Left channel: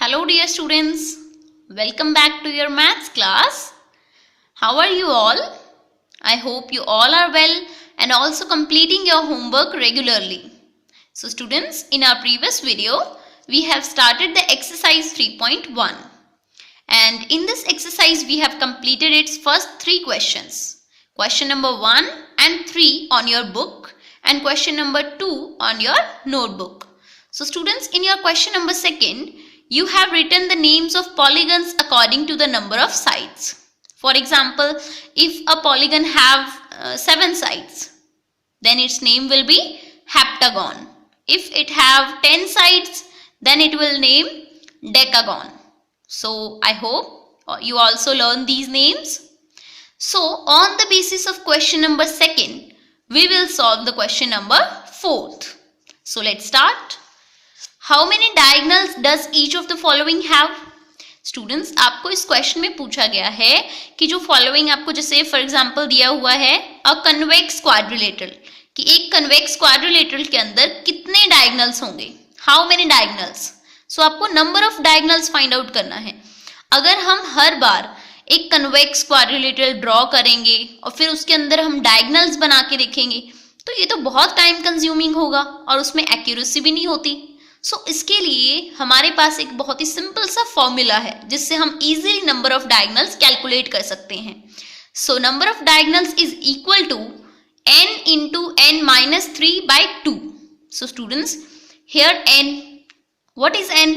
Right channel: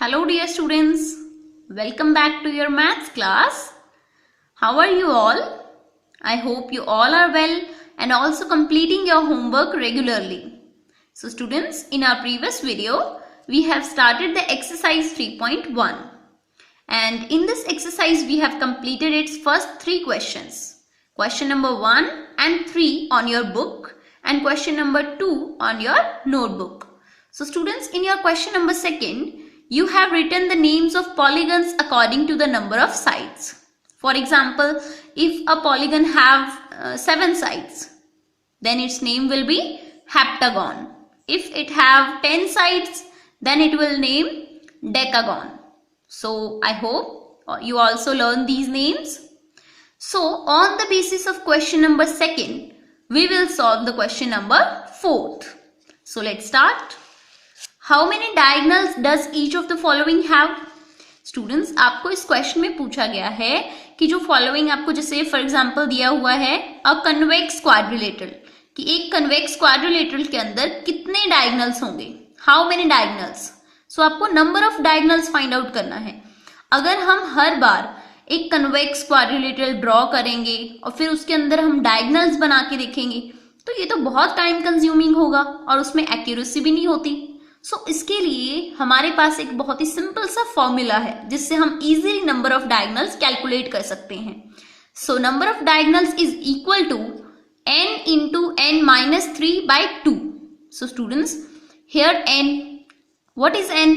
Hello dear students, welcome back to your maths class. How are you all? I hope you all are well and also completing your homework regularly. So students, in our previous video, we have started the exercise 3.1 and in this exercise we have completed its first 3 questions. Question number 1 and 3 on your book and question number 2 on your notebook. So students, in your question number 2, you have written the names of polygons according to the number of sides. For example, if a polygon have 7 sides, then its name will be heptagon. If it have 10 sides, then it will name decagon. So I hope you also learn these names. So on the basis of question number 2, we will solve the question number 4. So let's start. How many diagonals does each of the following have? Students, आपको इस question में पूछा गया है कि जो following आपको जैसे फॉर एग्जांपल दिया हुआ है अ कन्वेक्स क्वाड्रिलेटरल, कि एक कन्वेक्स क्वाड्रिलेटरल के अंदर कितने डायगोनल्स होंगे, हाउ मेनी डायगोनल्स. सो आपको number of diagonals find out करना है. अगर हम हर बार एक कन्वेक्स क्वाड्रिलेटरल ड्रॉ करेंगे और फिर उसके अंदर हम डायगोनल्स बना के देखेंगे तो ये तो बहुत टाइम कंज्यूमिंग होगा और उसमें एक्यूरेसी भी नहीं होती. सो इसके लिए हमारे पास एक बहुत ही सिंपल सा फॉर्मूला है जिससे हम easily number of diagonals calculate कर सकते हैं. So number of diagonals is equal to n into n minus 3 by 2. So students, here n, what is n?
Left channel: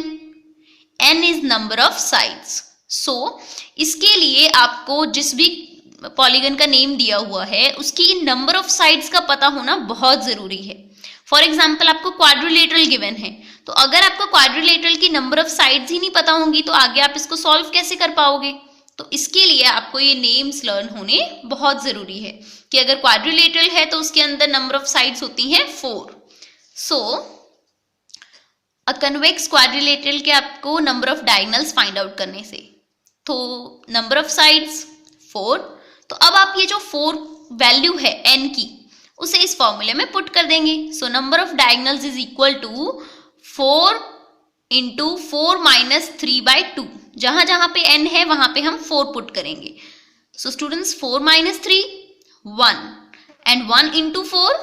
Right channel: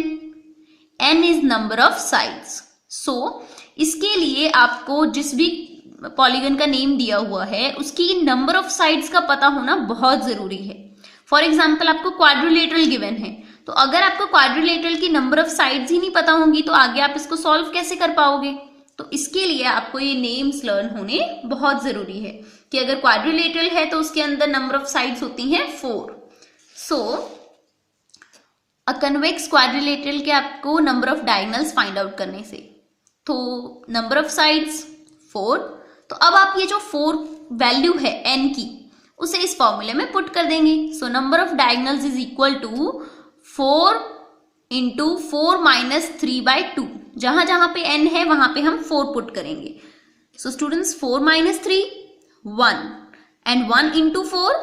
n is number of sides. So इसके लिए आपको जिस भी पॉलीगन का name दिया हुआ है उसकी नंबर ऑफ साइड्स का पता होना बहुत जरूरी है. फॉर एग्जाम्पल आपको क्वाड्रिलेटरल गिवन है, तो अगर आपको क्वाड्रिलेटरल की नंबर ऑफ साइड्स ही नहीं पता होंगी तो आगे आप इसको सॉल्व कैसे कर पाओगे. तो इसके लिए आपको ये नेम्स लर्न होने बहुत जरूरी है कि अगर क्वाड्रिलेटरल है तो उसके अंदर नंबर ऑफ साइड्स होती हैं 4. सो अ कन्वेक्स क्वाड्रिलेटरल के आपको number of diagonals find out करने से, तो नंबर ऑफ साइड्स 4. तो अब आप ये जो 4 वैल्यू है n की उसे इस फॉर्मूले में पुट कर देंगे. So number of diagonals is equal to 4 into 4 minus 3 by 2. जहां जहां पे n है वहां पे हम 4 पुट करेंगे. So students 4 minus 3 1 and 1 into 4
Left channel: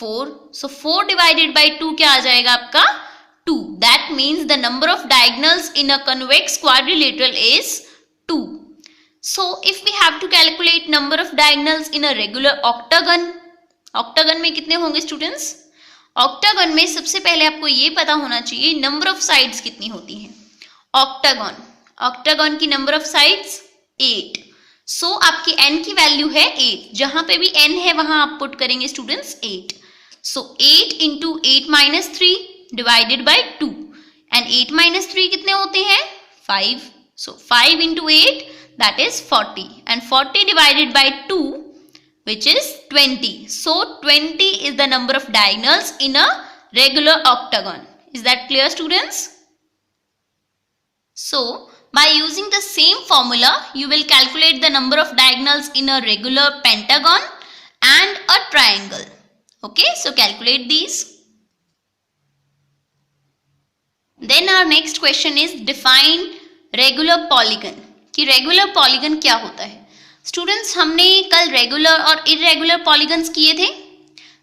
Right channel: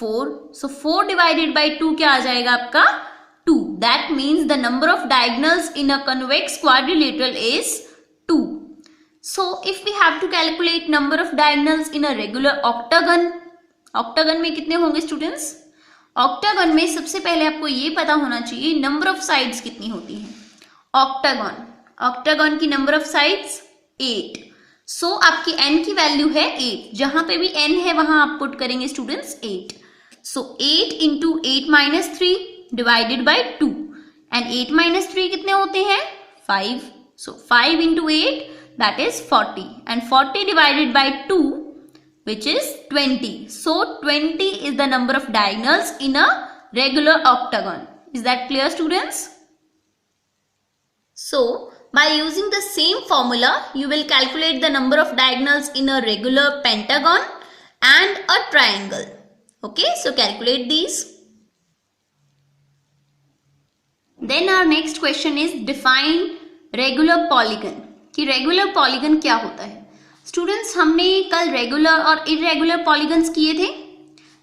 4. So 4 divided by 2 क्या आ जाएगा आपका 2. That means the number of diagonals in a convex quadrilateral is 2. So if we have to calculate number of diagonals in a regular octagon, octagon में कितने होंगे students? Octagon में सबसे पहले आपको ये पता होना चाहिए नंबर ऑफ साइड्स कितनी होती हैं. ऑक्टागन की नंबर ऑफ साइड्स 8. सो आपकी n की वैल्यू है 8. जहां पे भी n है वहां आप पुट करेंगे students 8. So 8 into 8 minus 3 divided by 2 and 8 minus 3 कितने होते हैं 5. सो 5 into 8 that is 40 and 40 divided by 2 which is 20. So 20 is the number of diagonals in a regular octagon. Is that clear students? So by using the same formula you will calculate the number of diagonals in a regular pentagon and a triangle. Okay, so calculate these. Then our next question is define regular polygon. कि regular polygon क्या होता है. Students, हमने कल regular और irregular polygons किए थे.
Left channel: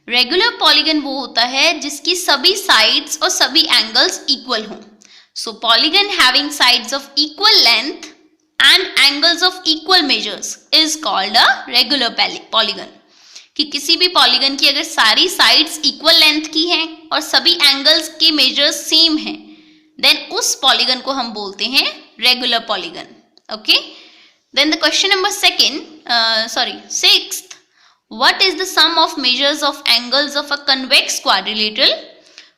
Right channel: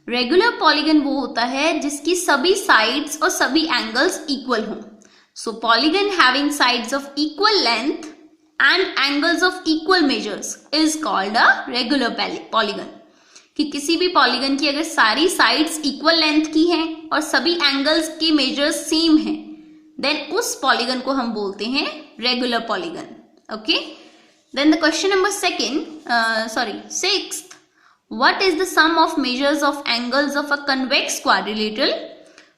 Regular polygon वो होता है जिसकी सभी साइड्स और सभी एंगल्स इक्वल हों. So polygon having sides of equal length and angles of equal measures is called a regular polygon. कि किसी भी पॉलीगन की अगर सारी साइड्स इक्वल लेंथ की हैं और सभी एंगल्स के मेजर्स सेम हैं देन उस पॉलीगन को हम बोलते हैं regular polygon. Okay, then the question number 6th, what is the sum of measures of angles of a convex quadrilateral?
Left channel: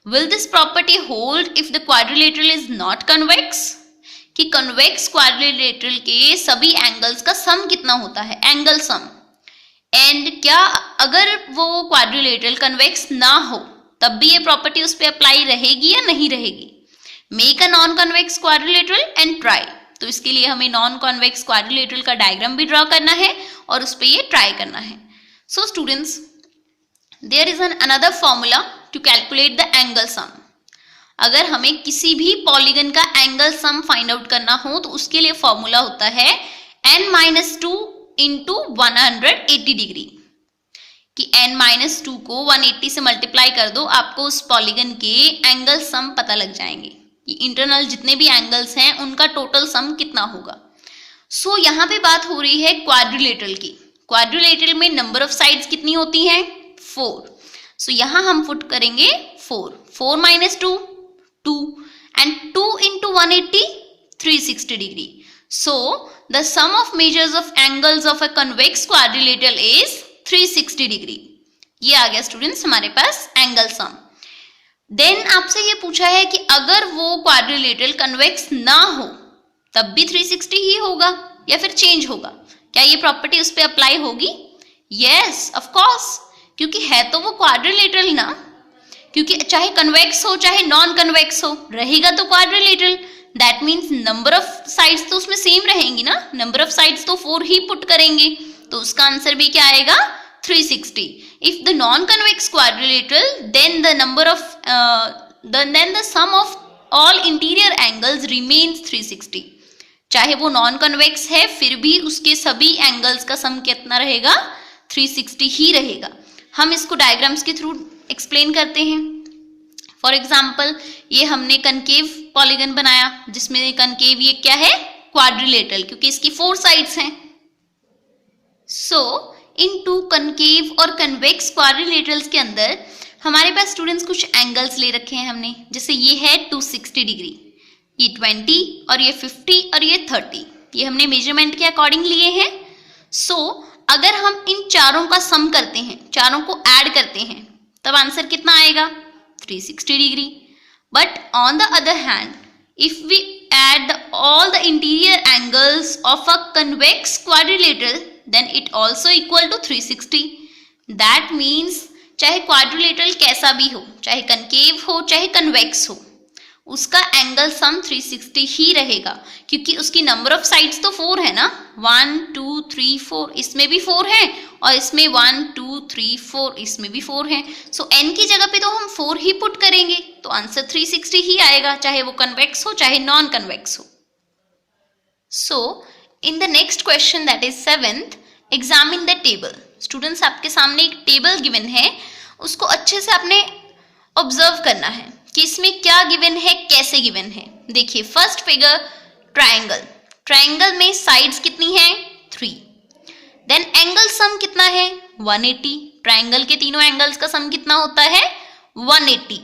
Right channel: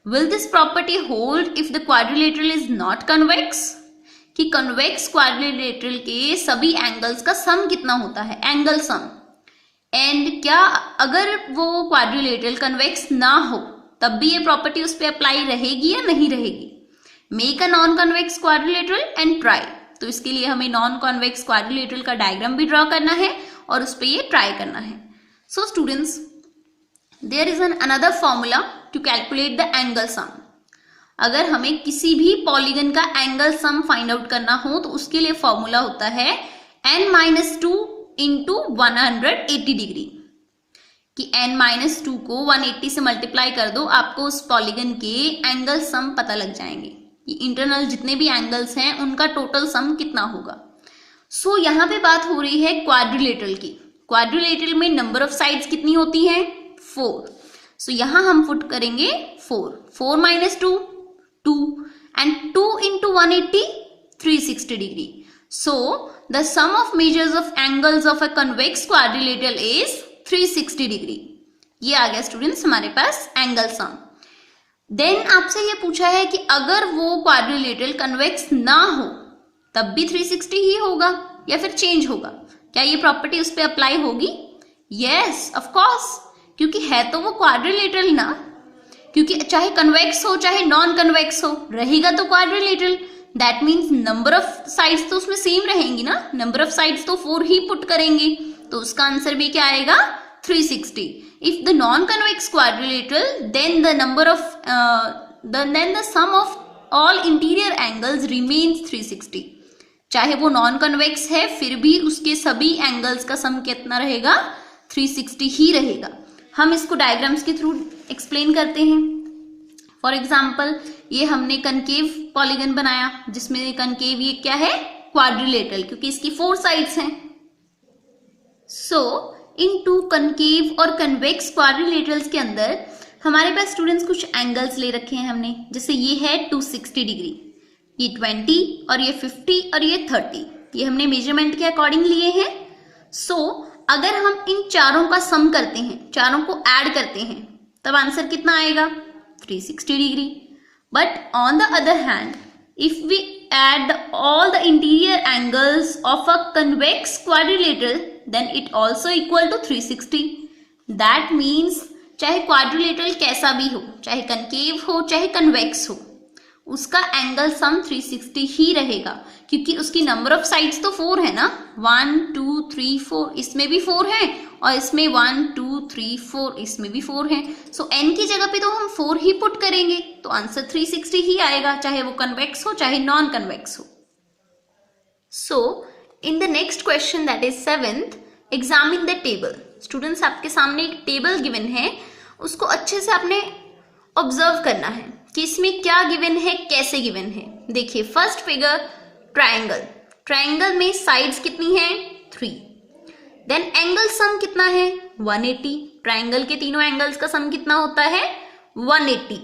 Will this property hold if the quadrilateral is not convex? कि convex quadrilateral के सभी angles का sum कितना होता है, angle sum. and क्या अगर वो quadrilateral convex ना हो तब भी ये property उस पर apply रहेगी या नहीं रहेगी. Make a non-convex quadrilateral and try. तो इसके लिए हमें नॉन कॉन्वेक्स क्वाड्रिलेटरल का डायग्राम भी ड्रॉ करना है और उस पर ये ट्राई करना है. So students, there is another formula to calculate the angle sum. अगर हमें किसी भी पॉलीगन का एंगल सम फाइंड आउट करना हो तो उसके लिए फॉर्मूला होता है n-2 इंटू 180 डिग्री, कि n-2 को 180 से मल्टीप्लाई कर दो, आपको उस पॉलीगन के एंगल सम पता लग जाएंगे कि इंटरनल जितने भी एंगल्स हैं उनका टोटल सम कितना होगा। सो यहाँ पे बात हो रही है क्वाड्रिलेटरल की। क्वाड्रिलेटरल में नंबर ऑफ साइड्स कितनी होती हैं? 4। सो यहाँ हम पुट करेंगे 4, 4 minus 2 2 and 2 into 180 360 degree. So the sum of measures of angles of a convex quadrilateral is 360 degree. ये आ गया स्टूडेंट्स हमारे पास एंगल सम। देन आपसे ये पूछा है कि अगर वो क्वाड्रिलेटरल कन्वेक्स ना हो तब भी 360 ही होगा या फिर चेंज होगा? क्या ये प्रॉपर्टी उस पर अप्लाई होगी? यस ऑफ कोर्स, क्योंकि है तो वो क्वाड्रिलेटरल ना, क्योंकि चाहे कन्वेक्स हो चाहे नॉन कन्वेक्स हो रहेगा तो quadrilateral. That means number of sides तो उसमें सेम रहेंगी ना, नंबर ऑफ साइड्स तो 4 ही पुट करेंगे, तो उसका आंसर भी क्या आएगा? 360। If the non convex quadrilateral then the number of then the sum of all interior angles remains 360। चाहे वो नॉन कन्वेक्स है फिर भी उसके सभी एंगल्स का सम कितना रहेगा? 360 ही रहेगा। हम इसको डायग्राम्स के थ्रू एक्सप्लेन करते हैं। फॉर एग्जाम्पल ये हमने कनकेव पॉलीगन बनाया जिसमें कनकेव ये क्या है? क्वाड्रिलेटरल, क्योंकि इसकी 4 साइड्स हैं। सो इन 2 कनकेव और कन्वेक्स क्वाड्रिलेटरल्स के अंदर हमारे पास स्टूडेंट्स कुछ एंगल्स ले रखे हैं हमने, जैसे ये है 260 डिग्री, ये 20 और ये 50 और ये 30, ये हमने मेजरमेंट के अकॉर्डिंग लिए हैं। सो अगर हम इन चारों का सम करते हैं, चारों को ऐड करते हैं, तब आंसर कितना आएगा? 360 degree. But on the other hand if we add all the interior angles of a convex quadrilateral then it also equal to 360. That means चाहे क्वाड्रिलेटरल कैसा भी हो, चाहे कनकेव हो चाहे कन्वेक्स हो, उसका एंगल सम 360 ही रहेगा, क्योंकि उसकी नंबर ऑफ साइड्स तो 4 है ना, 1 2 3 4, इसमें भी 4 है और इसमें 1 2 3 4, इसमें भी 4 है। सो n की जगह पे तो हम 4 ही पुट करेंगे, तो आंसर 360 ही आएगा, चाहे वो कन्वेक्स हो चाहे नॉन कन्वेक्स हो। So in the next question that is 7th, examine the table. Students आपके सामने एक टेबल गिवन है, उसको अच्छे से आपने ऑब्जर्व करना है कि इसमें क्या गिवन है, कैसे गिवन है। देखिए फर्स्ट फिगर ट्रायंगल, ट्रायंगल में साइड्स कितनी है? 3। देन एंगल सम कितना है? 180। ट्रायंगल के तीनों एंगल्स का सम कितना होता है? 180।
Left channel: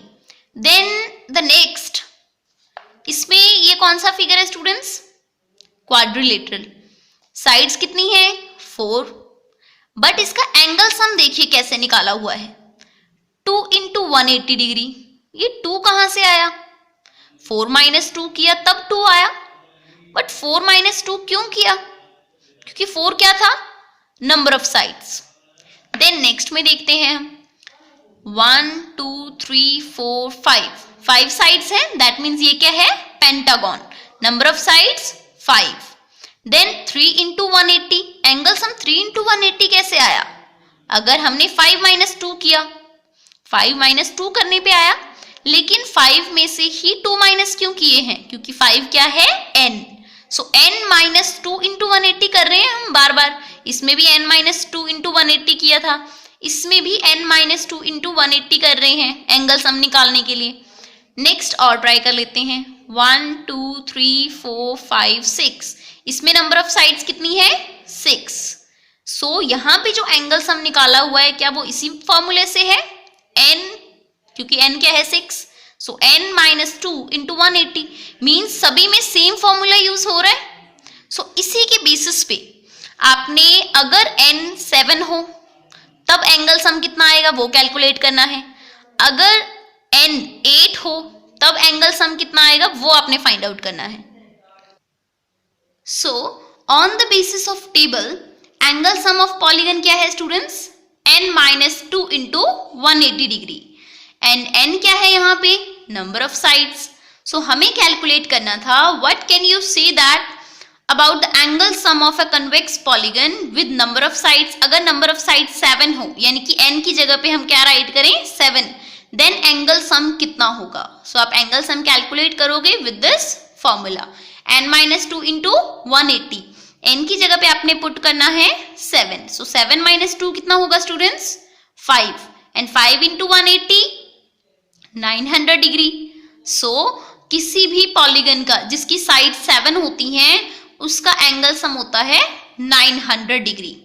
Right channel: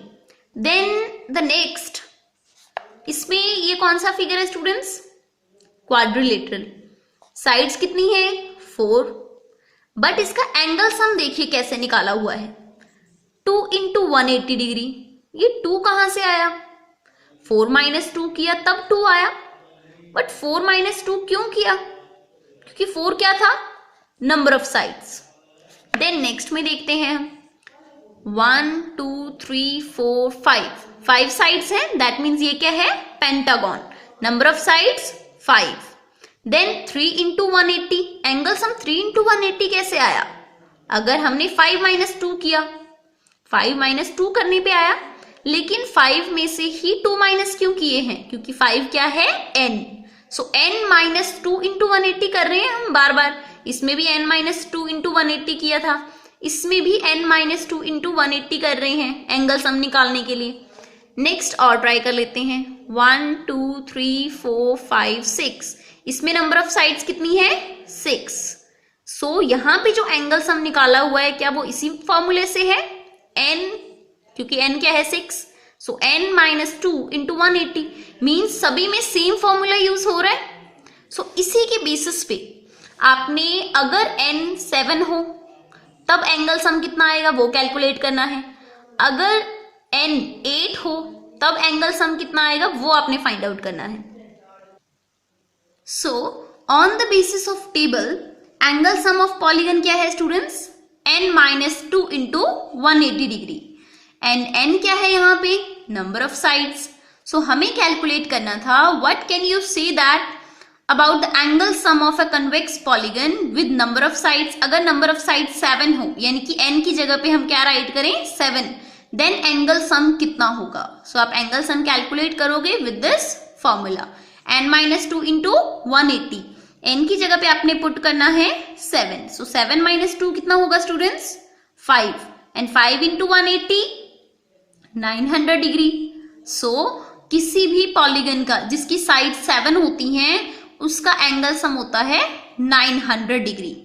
देन द नेक्स्ट, इसमें ये कौन सा फिगर है स्टूडेंट्स? क्वाड्रिलेटरल। साइड्स कितनी है? 4। बट इसका एंगल सम देखिए कैसे निकाला हुआ है, 2 इंटू 180 डिग्री। ये 2 कहां से आया? 4 माइनस 2 किया तब 2 आया। बट 4 माइनस 2 क्यों किया? क्योंकि 4 क्या था? Number of sides. Then next में देखते हैं हम 1 2 3 4 5 साइड्स है, दैट मीन्स ये क्या है? Pentagon. Number of sides 5। Then 3 into 180, angle sum 3 into 180 कैसे आया? अगर हमने 5 माइनस 2 किया, 5 माइनस 2 करने पे आया, लेकिन 5 में से ही 2 माइनस क्यों किए हैं? क्योंकि 5 क्या है? n। सो n माइनस 2 इंटू 180 कर रहे हैं हम बार बार। इसमें भी n माइनस 2 इंटू 180 किया था, इसमें भी n माइनस 2 इंटू 180 कर रहे हैं एंगल सम निकालने के लिए। नेक्स्ट और ट्राई कर लेते हैं 1 2 3 4 5 6, इसमें नंबर ऑफ साइड्स कितनी है? 6। सो यहाँ पे जो एंगल सम निकाला हुआ है क्या वो इसी फॉर्मूले से है? n, क्योंकि n क्या है? 6। सो n माइनस 2 इंटू 180 मीन्स सभी में सेम फॉर्मूला यूज हो रहा है। सो इसी के बेसिस पे आपने अगर n 7 हो तब एंगल सम कितना आएगा वो कैलकुलेट करना है, अगर n 8 हो तब एंगल सम कितना आएगा वो आपने फाइंड आउट करना है। So on the basis of table angle sum of polygon क्या है students? n minus 2 into 180 degree. And n क्या है यहाँ पे? Number of sides. सो हमें कैलकुलेट करना था what can you say that about the angle some of a convex polygon with number of sides. अगर नंबर ऑफ साइड्स 7 हो, यानी कि n की जगह पे हम क्या राइट करें? 7, देन एंगल सम कितना होगा? सो आप एंगल सम कैलकुलेट करोगे with this formula, n-2 into 180. n की जगह पे आपने पुट करना है 7. सो 7 - 2 कितना होगा students? 5. And 5 into 180 900 degree. So किसी भी पॉलीगन का जिसकी साइड 7 होती हैं उसका एंगल सम होता है 900 डिग्री.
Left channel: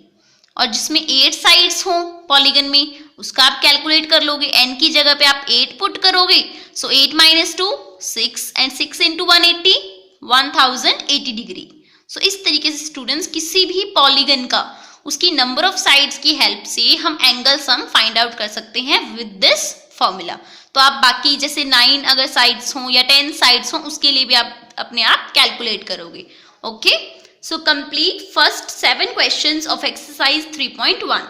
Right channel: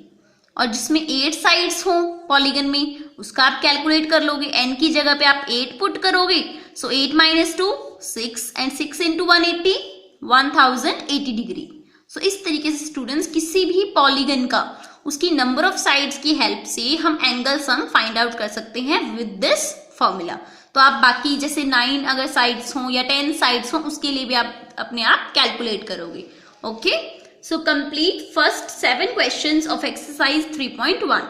और जिसमें 8 साइड्स हों पॉलीगन में उसका आप कैलकुलेट कर लोगे. n की जगह पे आप 8 पुट करोगे. सो 8 - 2 6 एंड 6 इंटू 180 1080 डिग्री. सो इस तरीके से स्टूडेंट्स किसी भी पॉलीगन का उसकी नंबर ऑफ साइड्स की हेल्प से हम एंगल सम फाइंड आउट कर सकते हैं विद दिस फॉर्मूला. तो आप बाकी जैसे 9 अगर साइड्स हों या 10 साइड्स हों उसके लिए भी आप अपने आप कैलकुलेट करोगे. Okay, so complete first 7 questions of exercise 3.1.